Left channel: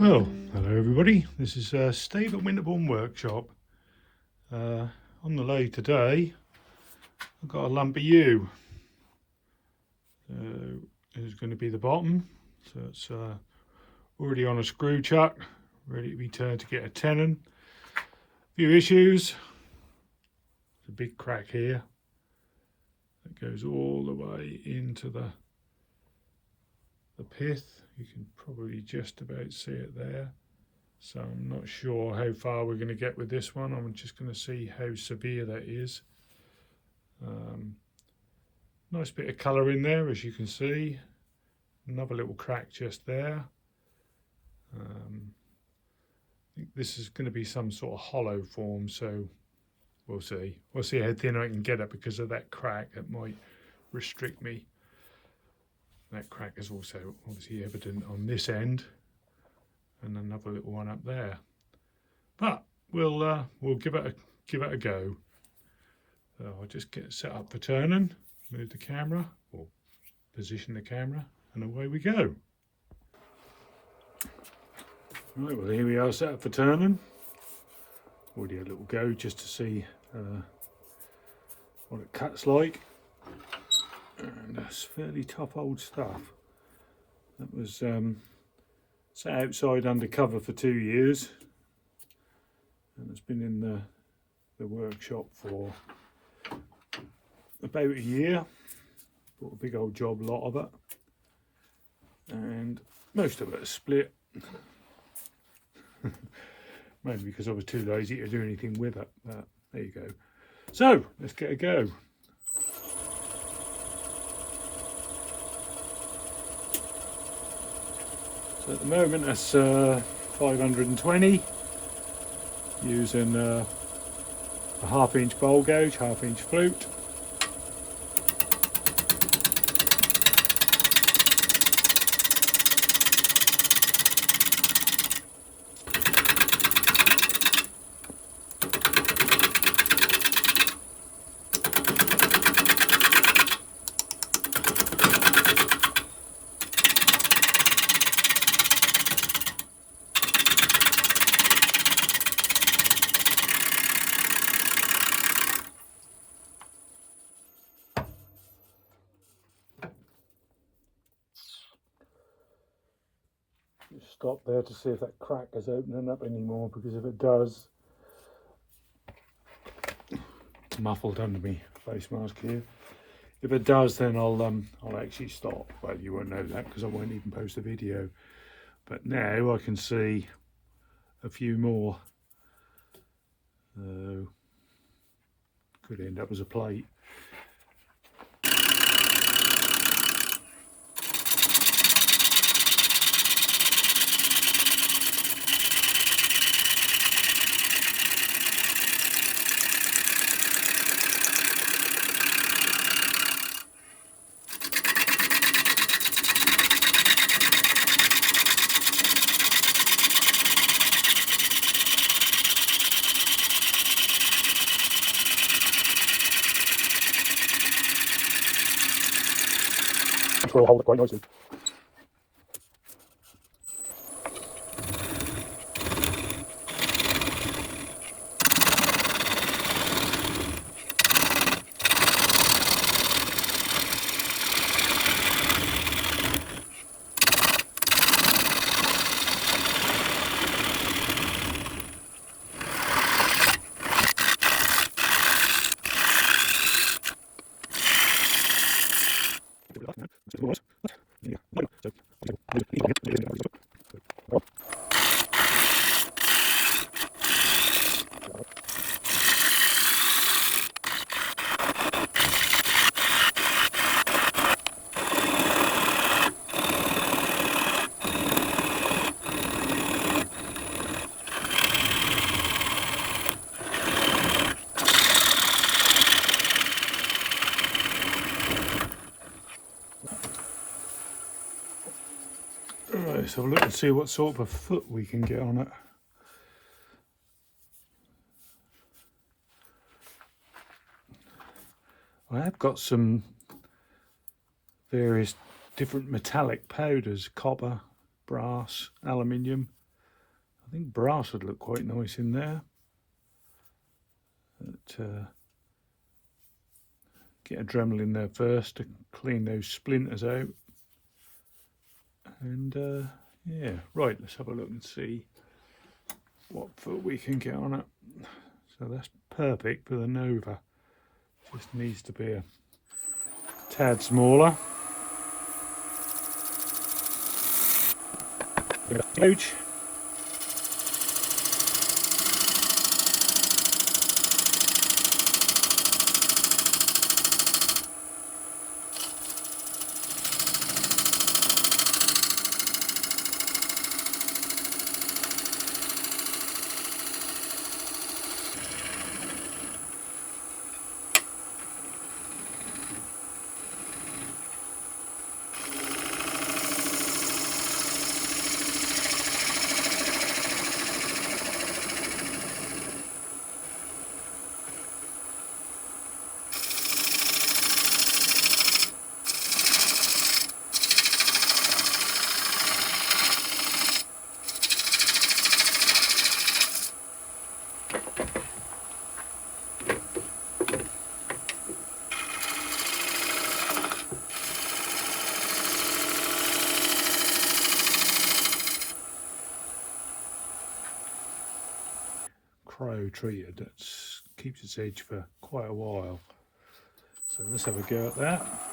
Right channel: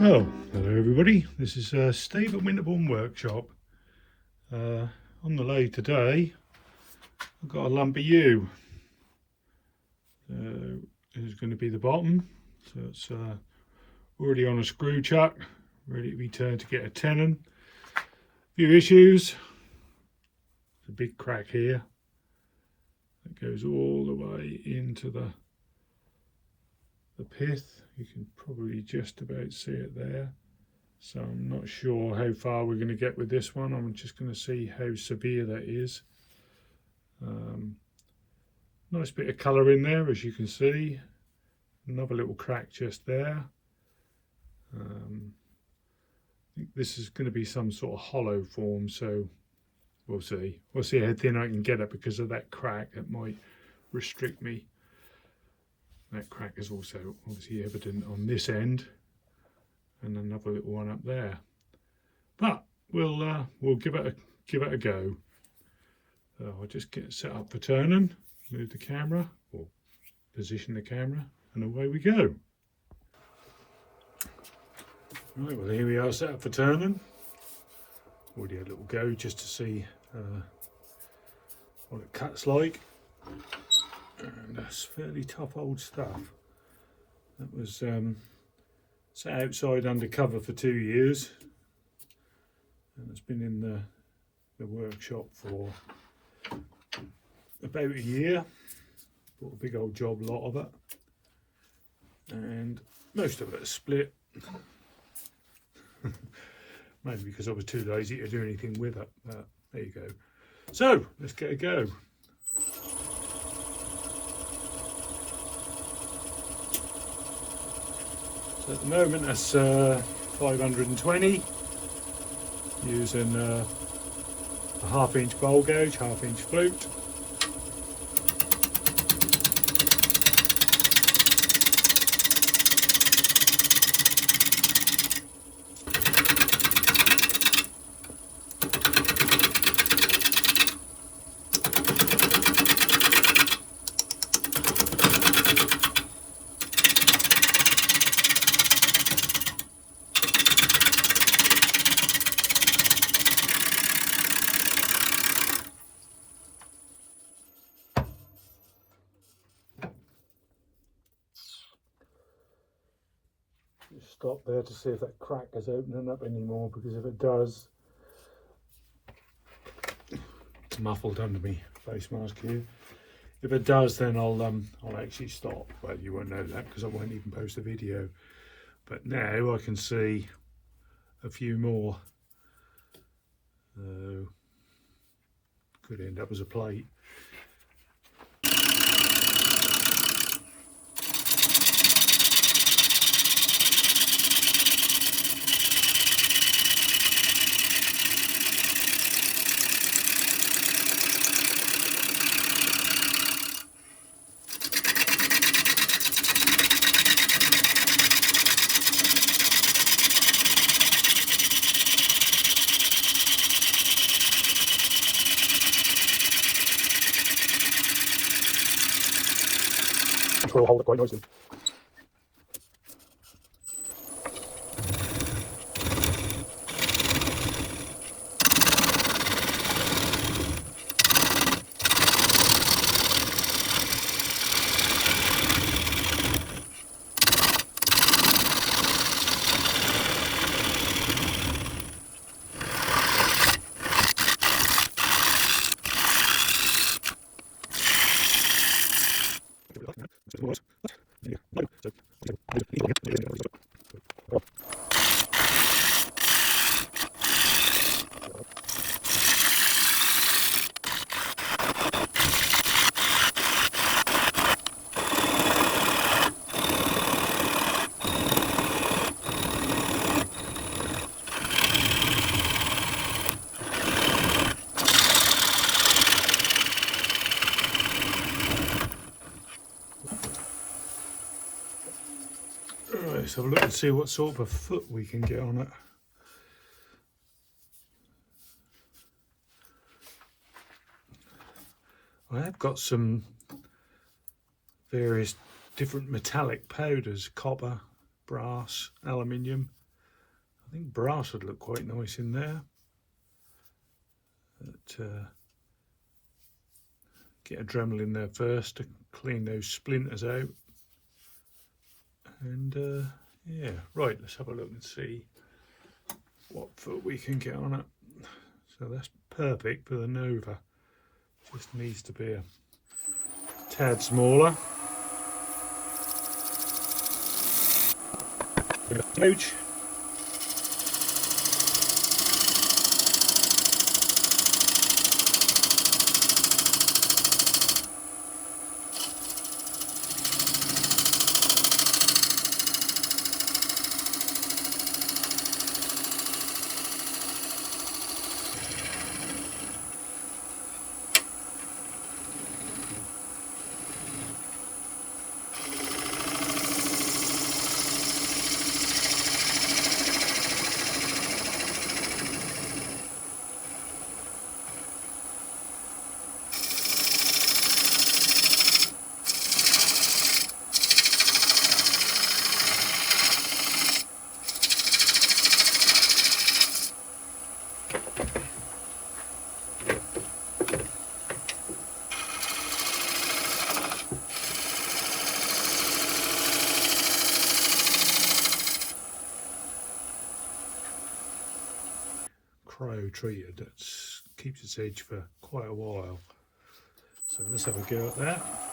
Well, hello everybody, this is Steve at Winterbourne Workshop. On the lathe today I've got a lump of yew. This is going to be the bottom, so it's already on a screw chuck, ready to be turned to get a tenon. A few issues. There's a big crack here that goes all the way into the pith. You can probably just about see it there, so I'm not sure how far we're going to get with this one. I'm just going to see how severe that is. Nice bit of colour in there, as you can see. Another little crack just there. I think this is going to be some sort of hollow form, so we'll see how thin I can get it because of that crack. That might restrict me. That crack is also obviously evident on this end, and another little one up there. But we'll give it a go. So I'll just get set up for turning, move the camera, or position the camera, and away we go. Right, well here we are set up for turning. Already a little go just to see what it cuts like. And that's fairly tough old stuff. That was sat outside under cover for 2 years, and it's been in the workshop for about a year. Bought a big old job lot of it, and most of it is split. Maybe because I was too lazy to do anything with it, but there you go. So let's get a go. At the moment that's 520, using a 1/2 inch bowl gauge, 1/2 inch flute. Stop there to see if that crack is opening up anymore, because if it does, it's muffled under me face mask here. If it does, then I'll actually stop. Well, you won't know that because I won't even post a video. But now I can see a few more. Could end up as a plate. Will hold it quite nicely. Let's have a look and see what sort of a foot we can get on it. I have got some various different metallic powders, copper, brass, aluminium. I think brass would look quite nice in there. But, get a Dremel in there first to clean those splinters out. And yeah, right, let's have a look and see what foot we can get on it. So that's perfect for the Nova. Just needs to be a tad smaller. Huge. Crow treated that keeps its edge for quite a while. So let's have a go at that.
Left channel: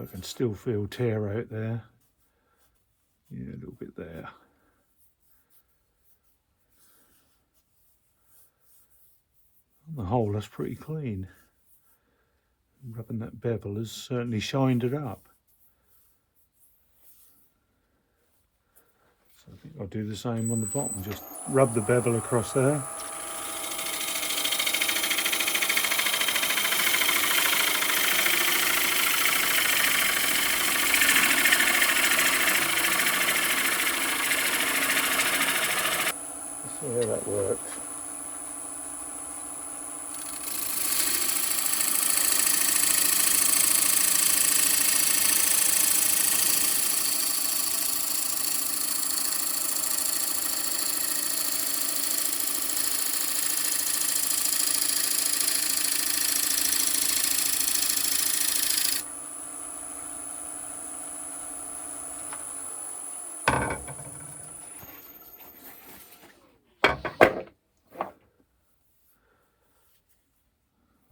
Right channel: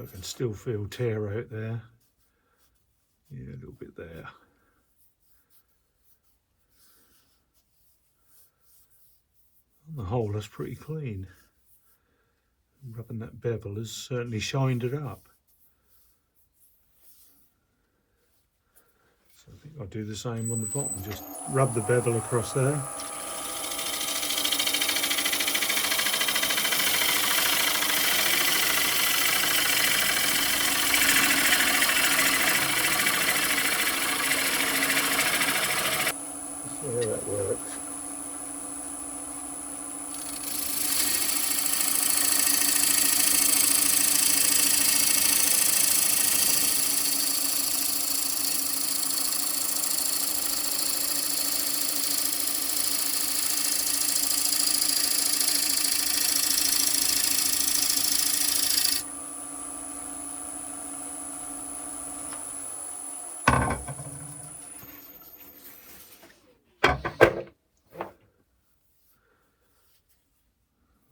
I can still feel tear out there. Yeah, a little bit there. The hole is pretty clean. Rubbing that bevel has certainly shined it up. So I think I'll do the same on the bottom. Just rub the bevel across there. See how that works.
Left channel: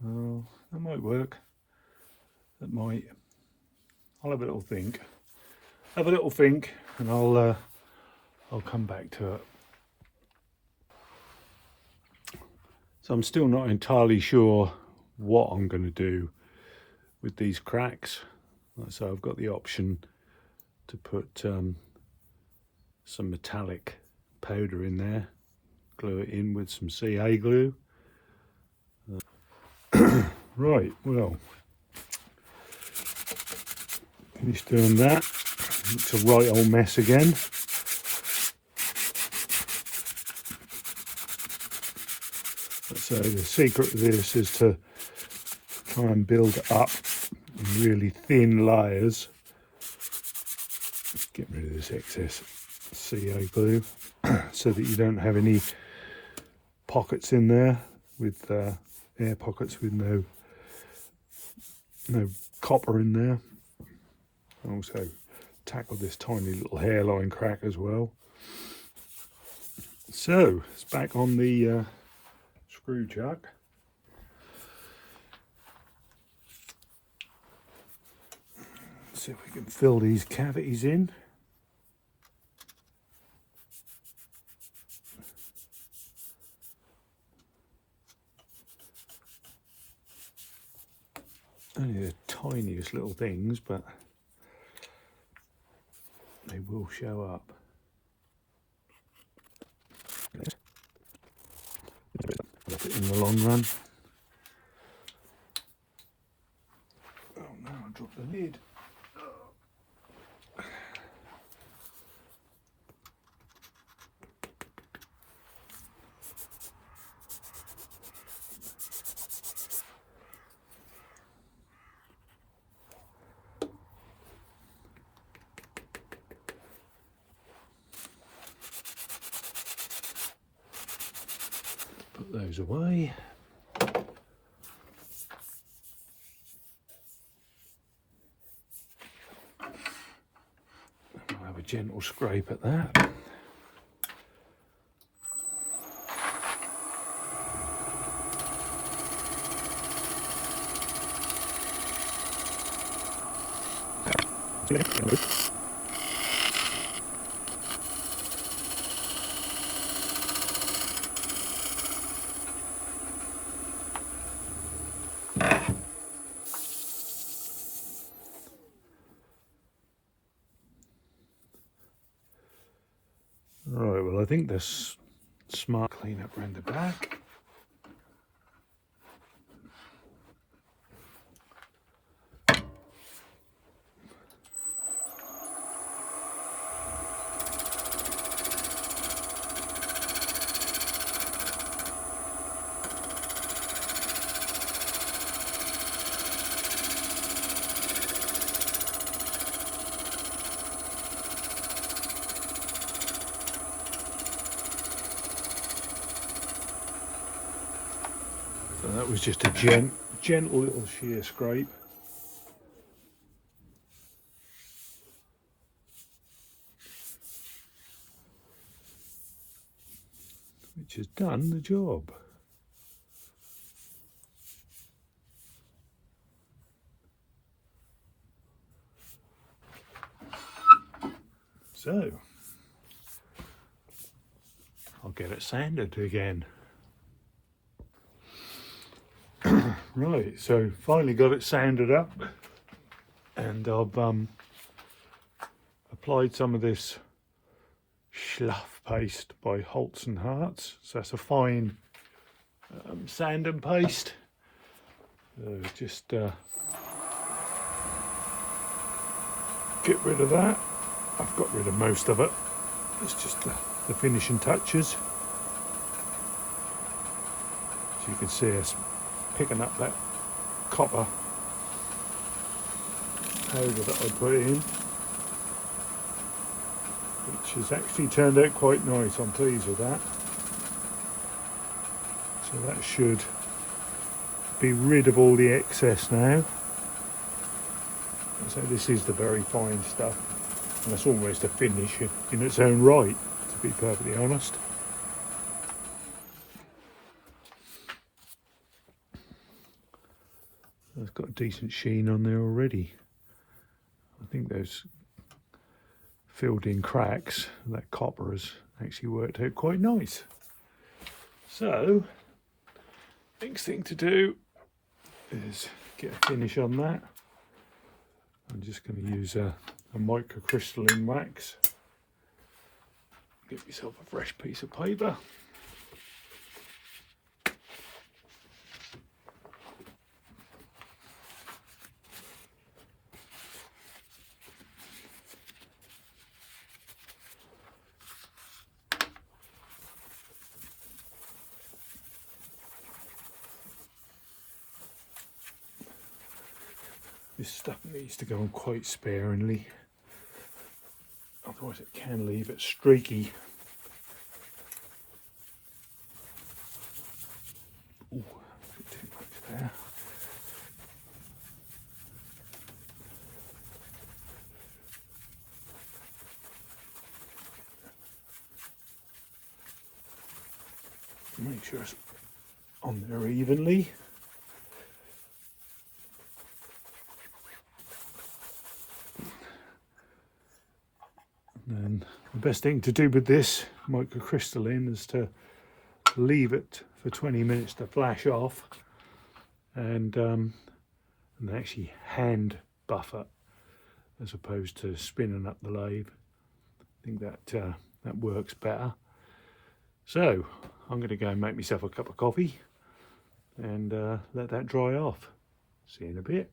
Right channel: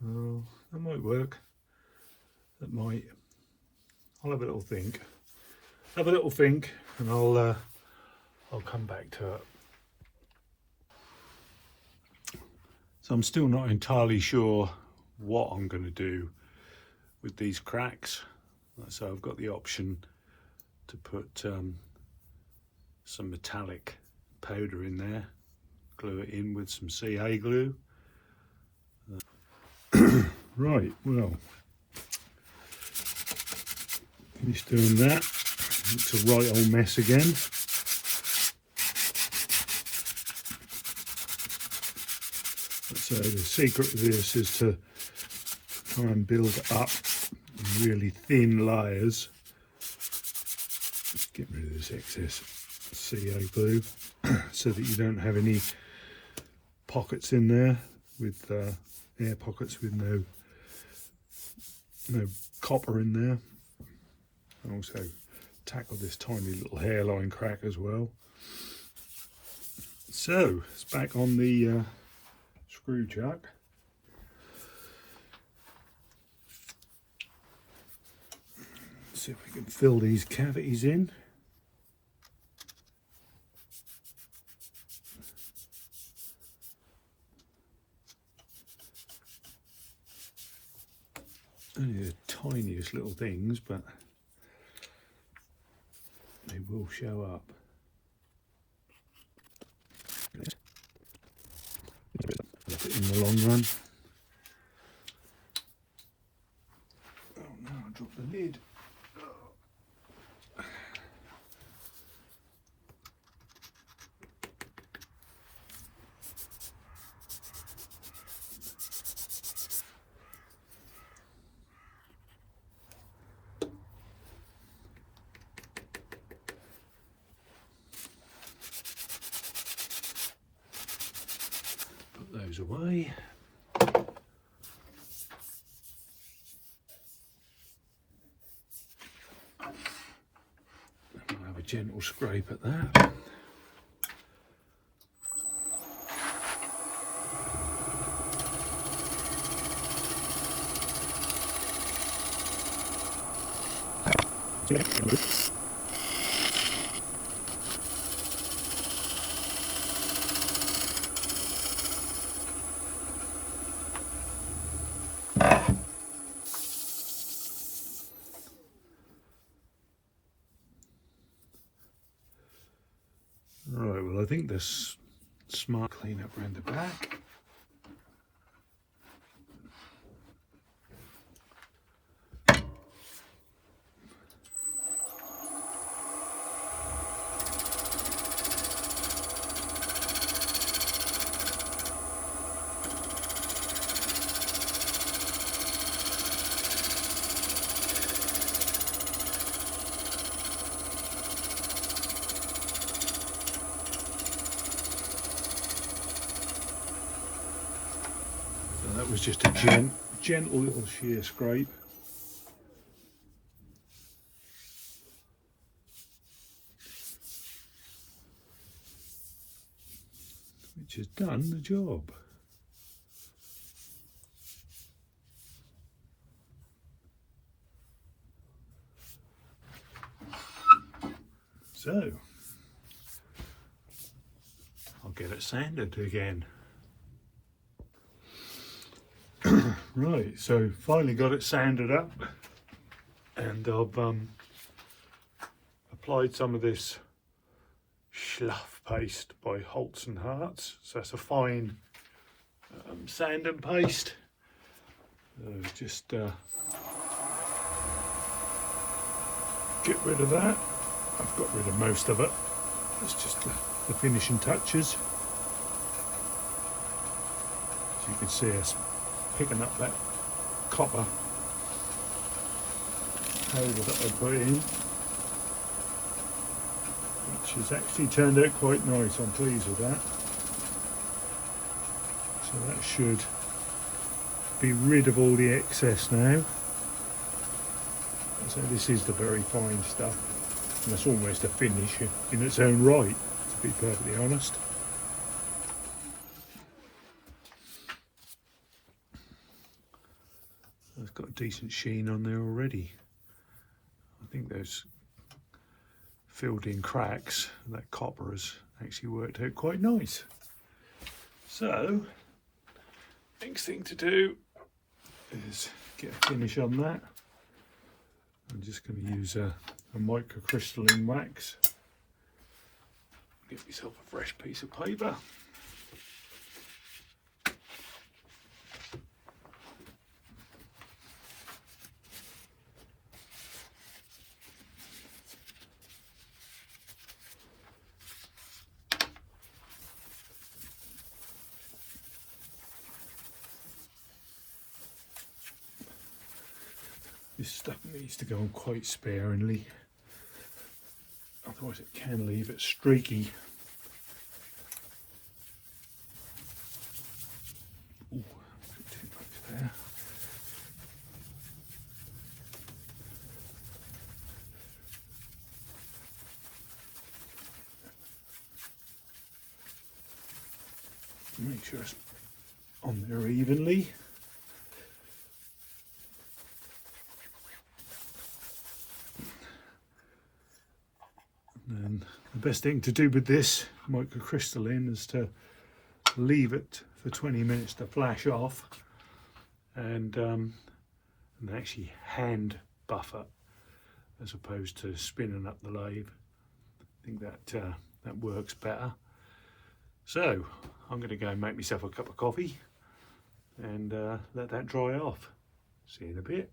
Well, that might work. That might. I'll have a little think. Have a little think, and I'll come back to it. So I'm still not entirely sure what I'm going to do with these cracks. So I've got the option to put some metallic powder in there, glue it in with some CA glue. Right, well, finished doing that. It's a right old mess again. So the secret of this is to try and build up really thin layers. Just get rid of this excess CA glue so that you don't have any pockets in there with air pockets with no copper in there. Also tackle this tiny little hairline crack as well. So it's back on the screw chuck. See if we can fill these cavities in. Only the tiniest little things, but they will show up. long run. Oh no, I dropped the lid. Put those away. I'll have a gentle scrape at that. Right, well I think this smart clean up around the back. So that was just a gentle little shear scrape. Which has done the job. So, I'll get it sanded again. Right, so finally got it sanded up, and I've applied some of this Schluff paste by Holtz and Hartz. So that's a fine sanding paste. Just get rid of that. I've got rid of most of it. It's just the finishing touches. As you can see, us picking up that copper powder that I put in, which has actually turned out quite nice. I'm pleased with that. So that should be rid of all the excess now. So this is the very fine stuff, and that's almost a finish in its own right, to be perfectly honest. It's got a decent sheen on there already. I think those filled in cracks, that copper has actually worked out quite nice. So, next thing to do is get a finish on that. I'm just going to use a microcrystalline wax. Get myself a fresh piece of paper. This stuff needs to go on quite sparingly, otherwise it can leave it streaky. Ooh, a bit too much there. Make sure it's on there evenly. And the best thing to do with this microcrystalline is to leave it for 20 minutes to flash off, and actually hand buff it as opposed to spinning up the lathe. I think that works better. So I'm going to go and make myself a cup of coffee, and let that dry off. See you in a bit.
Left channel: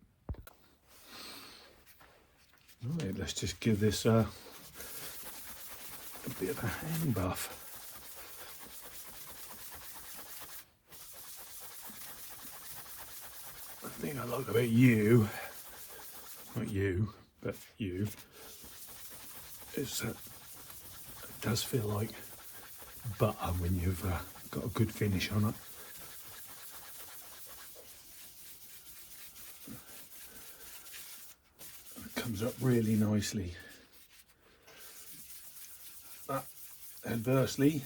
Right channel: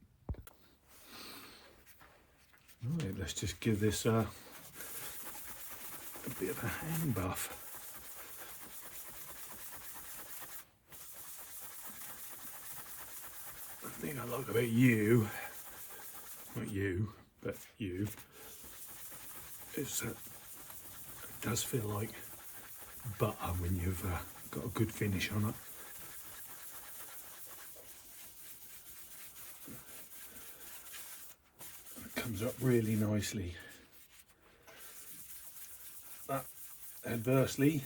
Right, let's just give this a bit of a hand buff. The thing I like about you, not you, but you, is that it does feel like butter when you've got a good finish on it. It comes up really nicely. But adversely,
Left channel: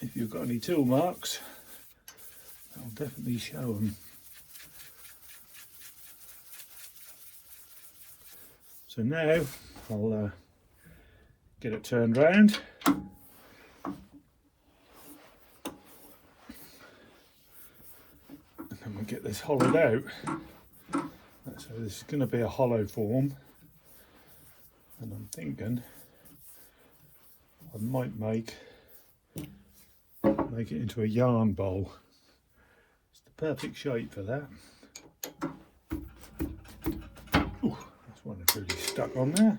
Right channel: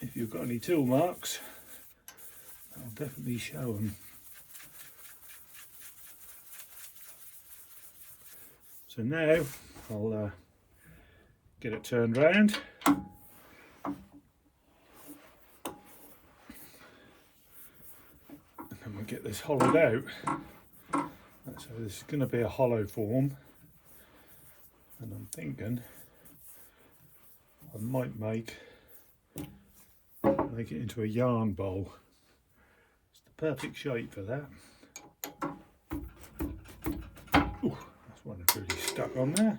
if you've got any tool marks, I'll definitely show them. So now I'll get it turned round. And then we'll get this hollowed out. So this is going to be a hollow form. And I'm thinking I might make it into a yarn bowl. It's the perfect shape for that. Ooh, that's one that's really stuck on there.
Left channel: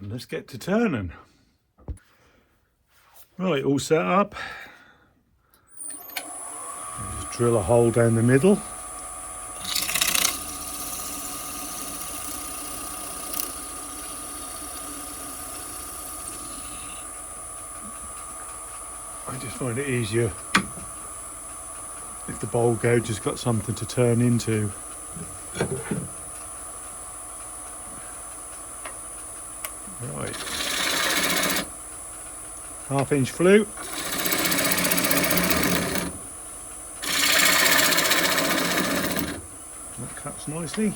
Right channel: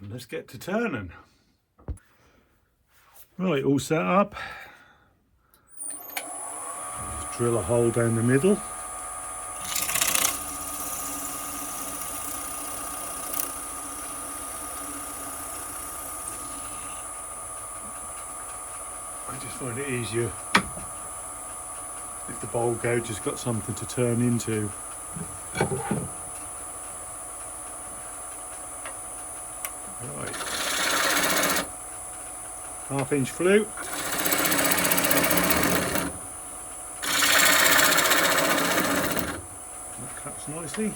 And let's get to turning. Right, all set up. I'll just drill a hole down the middle. I just find it easier if the bowl gouge has got something to turn into. Right. Half-inch flute. That cuts nicely.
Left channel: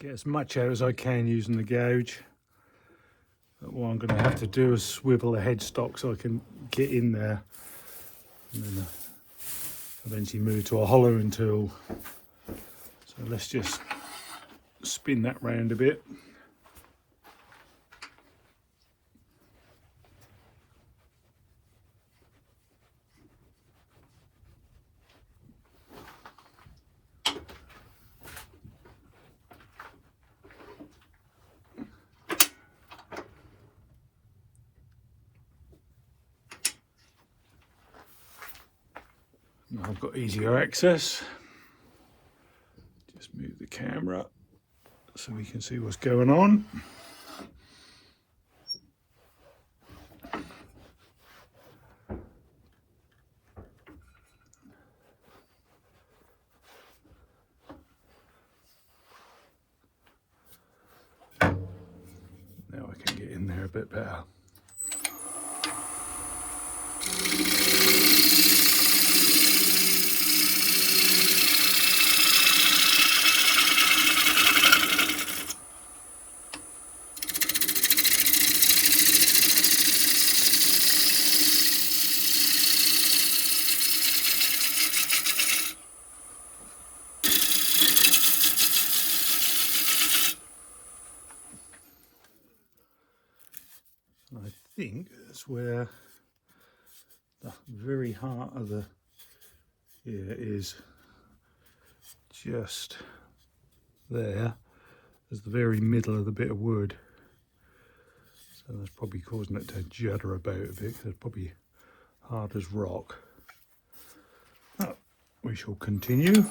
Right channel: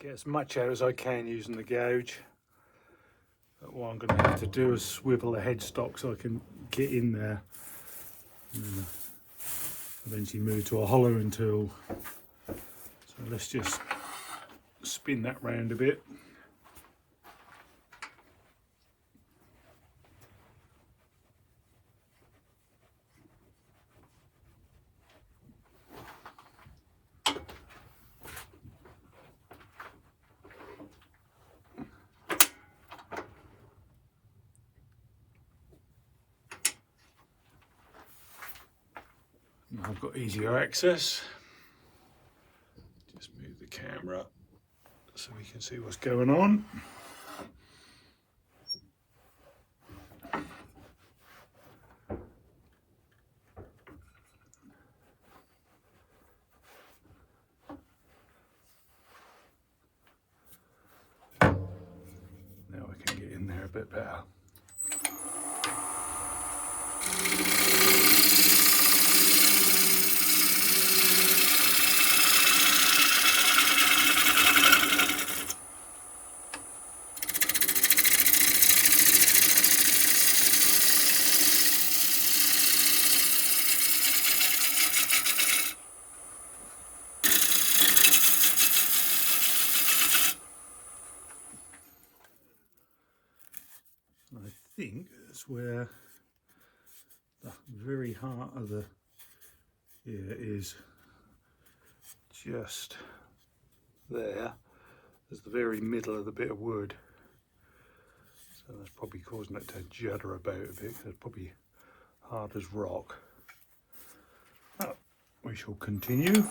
Get as much out as I can using the gouge. But what I'm going to have to do is swivel the headstock so I can get in there and then eventually move to a hollowing tool. So let's just spin that round a bit. Now I've got easier access. Just move the camera so we can see what's going on. Now I can get in there a bit better. I think that's where the very heart of the ear is, just there. There's the very middle of the bit of wood. So that's probably causing it to judder about a bit. There's probably hard as rock. Now, we shall continue.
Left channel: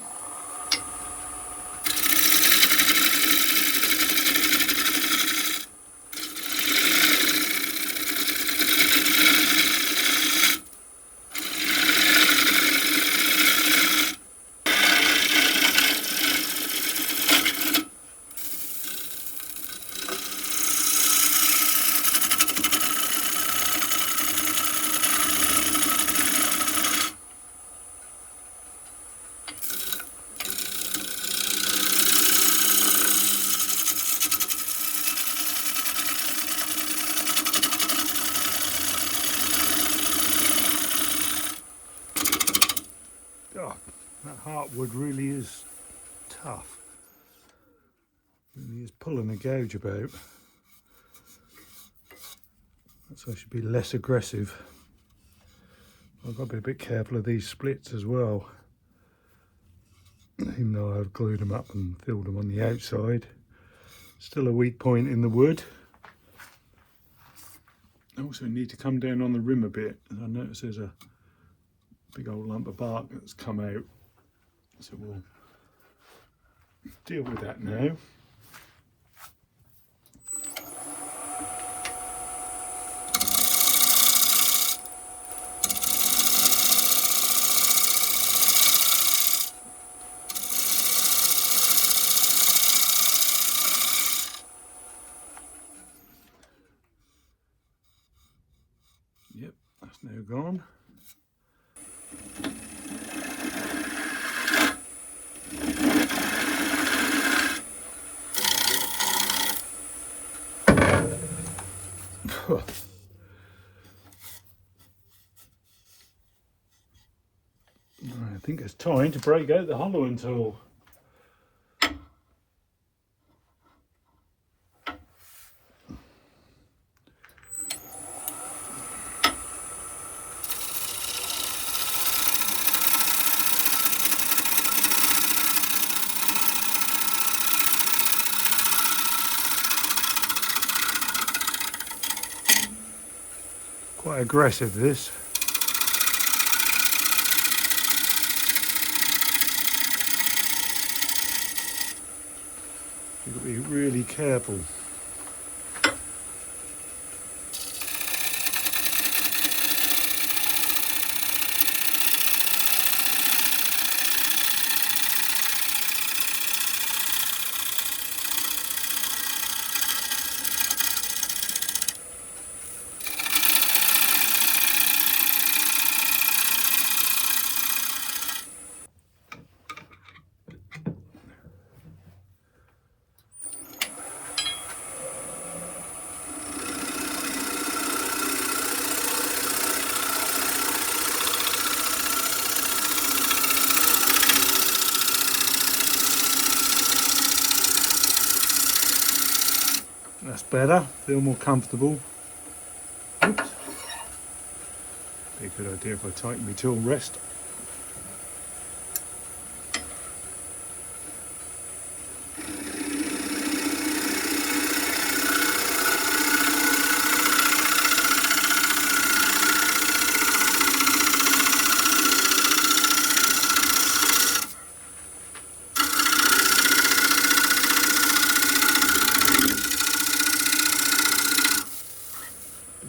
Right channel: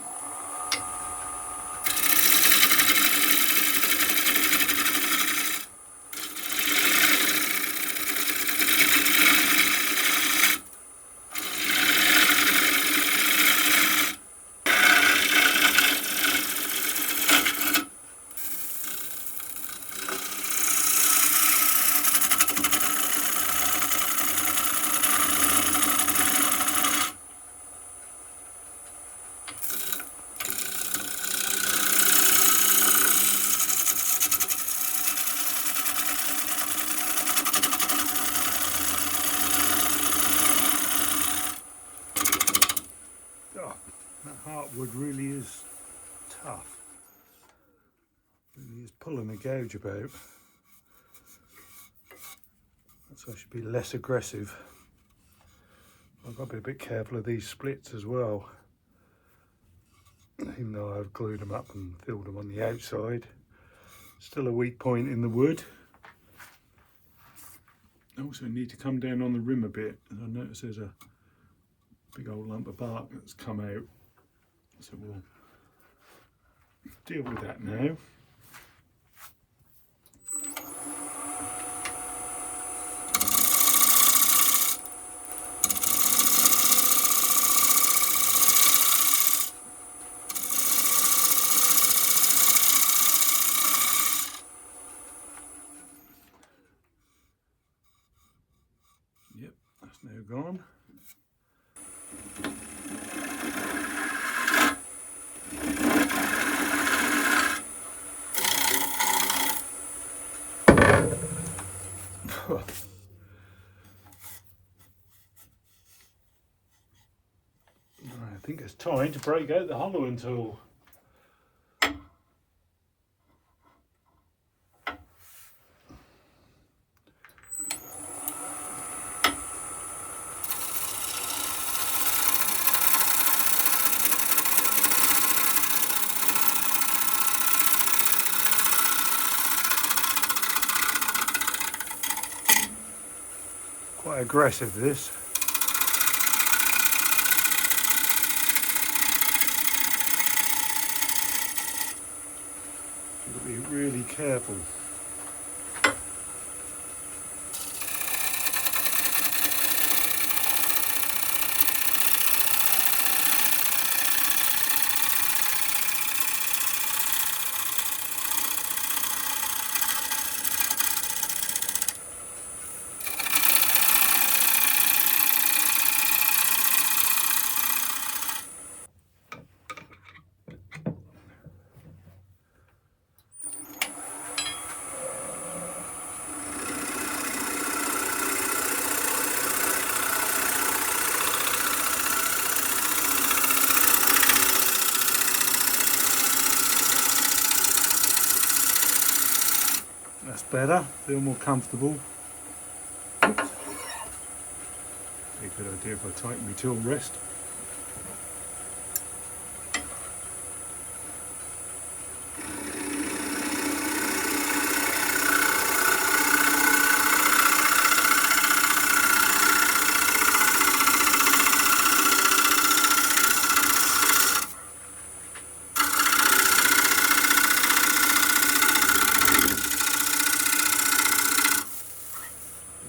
Heartwood really is tough. He's pulling the gouge about, so I should be less aggressive. I've got to be a bit careful of these splits as well, even though I've glued them up and filled them on the outside. Still a weak point in the wood. I also need to come down on the rim a bit, and I notice there's a big old lump of bark that's come out. So we'll deal with that now. Yep, that's now gone. I think it's time to break out the hollowing tool. Quite aggressive this. You've got to be really careful. That's better, feel more comfortable. Oops. Be a good idea if I tighten the tool rest.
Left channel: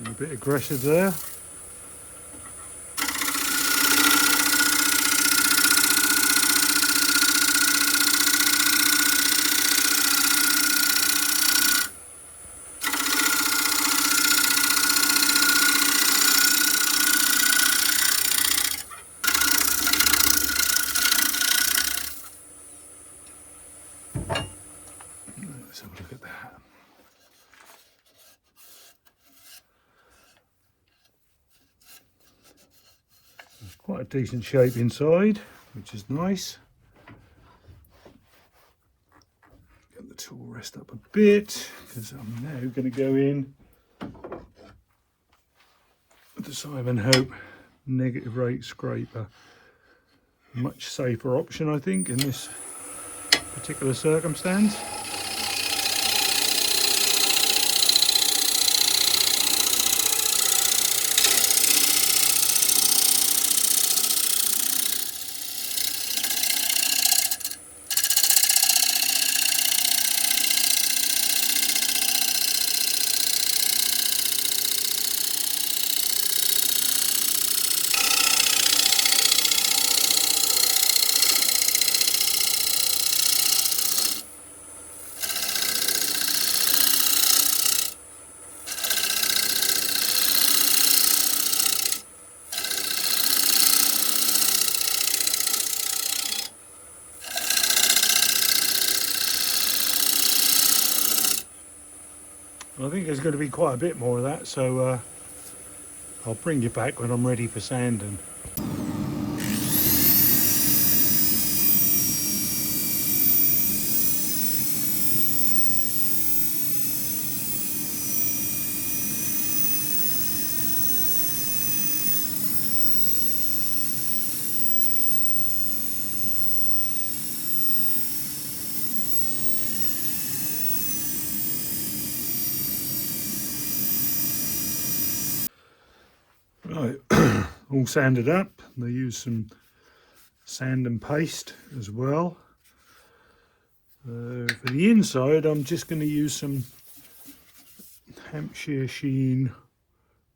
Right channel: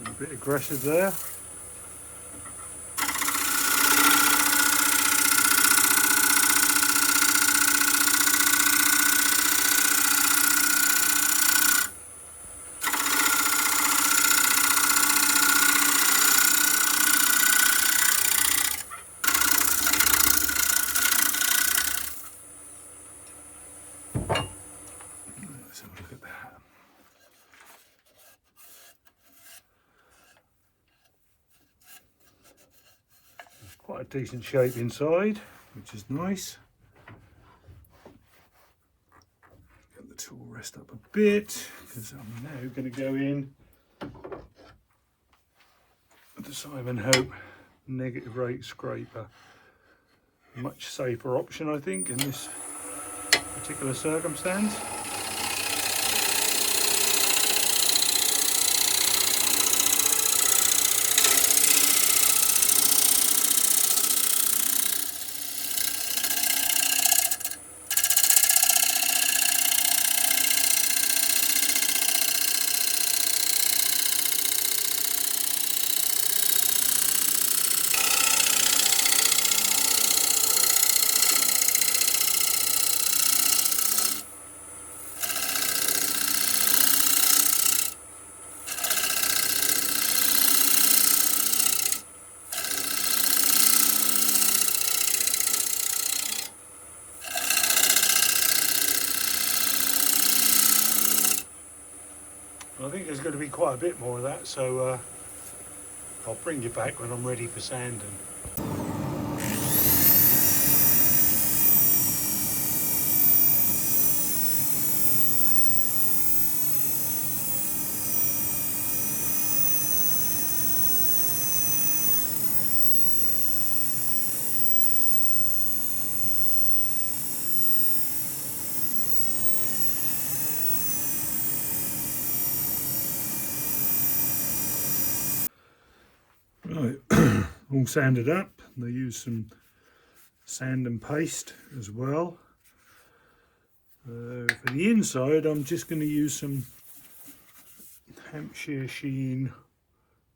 A bit aggressive there. Let's have a look at that. Quite a decent shape inside, which is nice. Get the tool rest up a bit, because I'm now going to go in with the Simon Hope negative rate scraper. A much safer option, I think, in this particular circumstance. I think there's going to be quite a bit more of that, so I'll bring you back when I'm ready for sanding. Right, all sanded up. They use some sand and paste as well. For the inside, I'm just going to use some Hampshire Sheen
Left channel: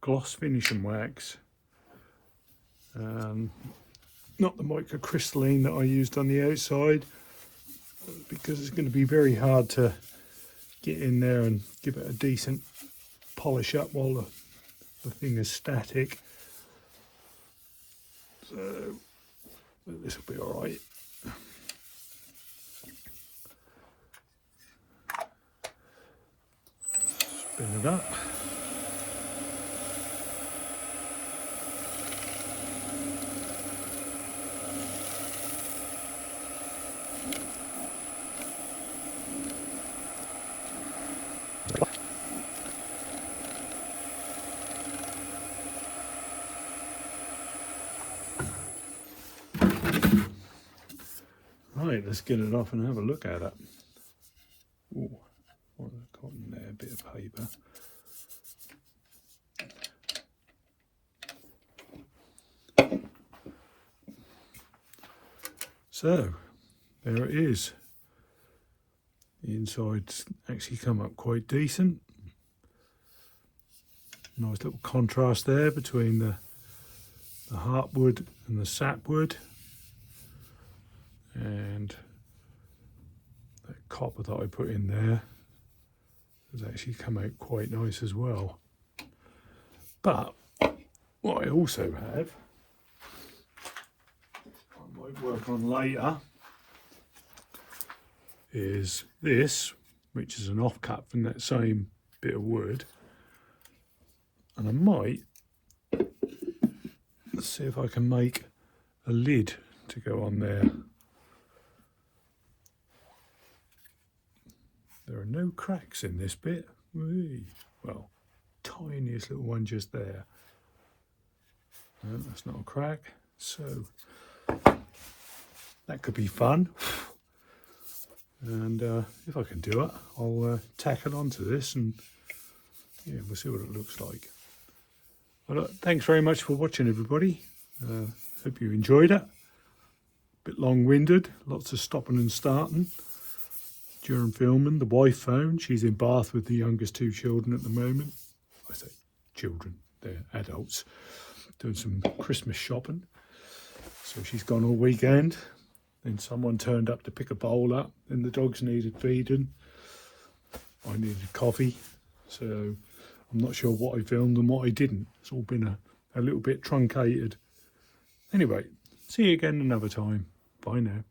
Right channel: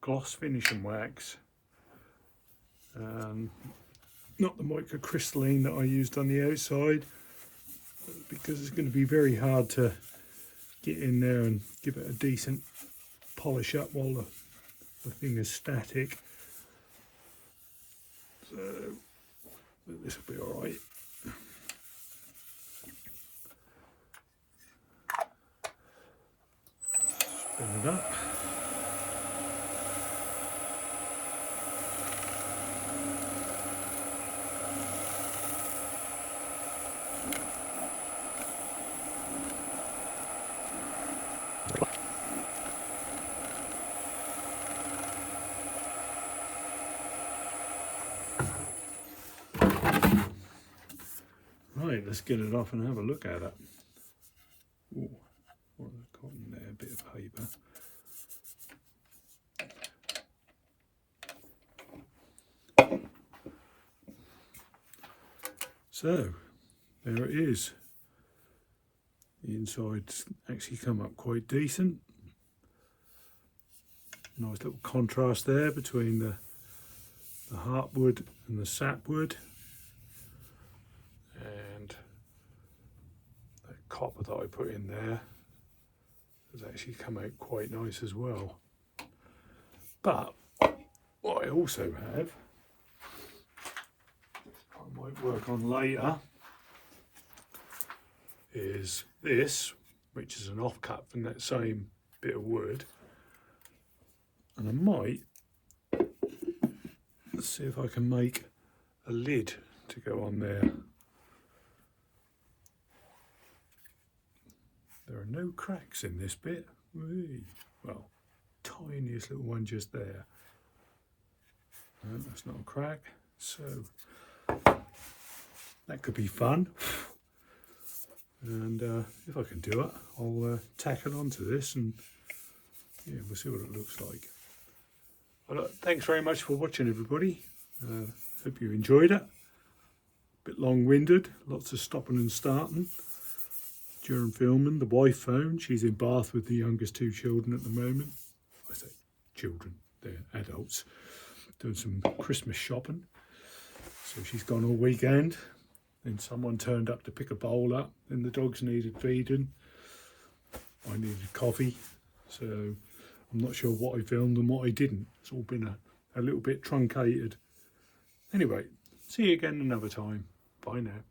gloss finishing wax. Not the microcrystalline that I used on the outside, because it's going to be very hard to get in there and give it a decent polish up while the thing is static. So this will be all right. Spin it up. Right, let's get it off and have a look at it. Ooh, what have I got in there? A bit of paper. So, there it is. The inside's actually come up quite decent. Nice little contrast there between the heartwood and the sapwood. And the copper that I put in there has actually come out quite nice as well. But what I also have, I might work on later, is this, which is an offcut from that same bit of wood. And I might see if I can make a lid to go on there. There are no cracks in this bit. Well, tiniest little one just there. No, that's not a crack. So that could be fun. And if I can do it, I'll tack it onto this, and yeah, we'll see what it looks like. Well, thanks very much for watching, everybody. Hope you enjoyed it. Bit long-winded, lots of stopping and starting during filming. The wife phoned. She's in Bath with the youngest two children at the moment. I say children, they're adults, doing some Christmas shopping. So she's gone all weekend. Then someone turned up to pick a bowl up, and the dogs needed feeding. I needed coffee. So I'm not sure what I filmed and what I didn't. It's all been a little bit truncated. Anyway, see you again another time. Bye now.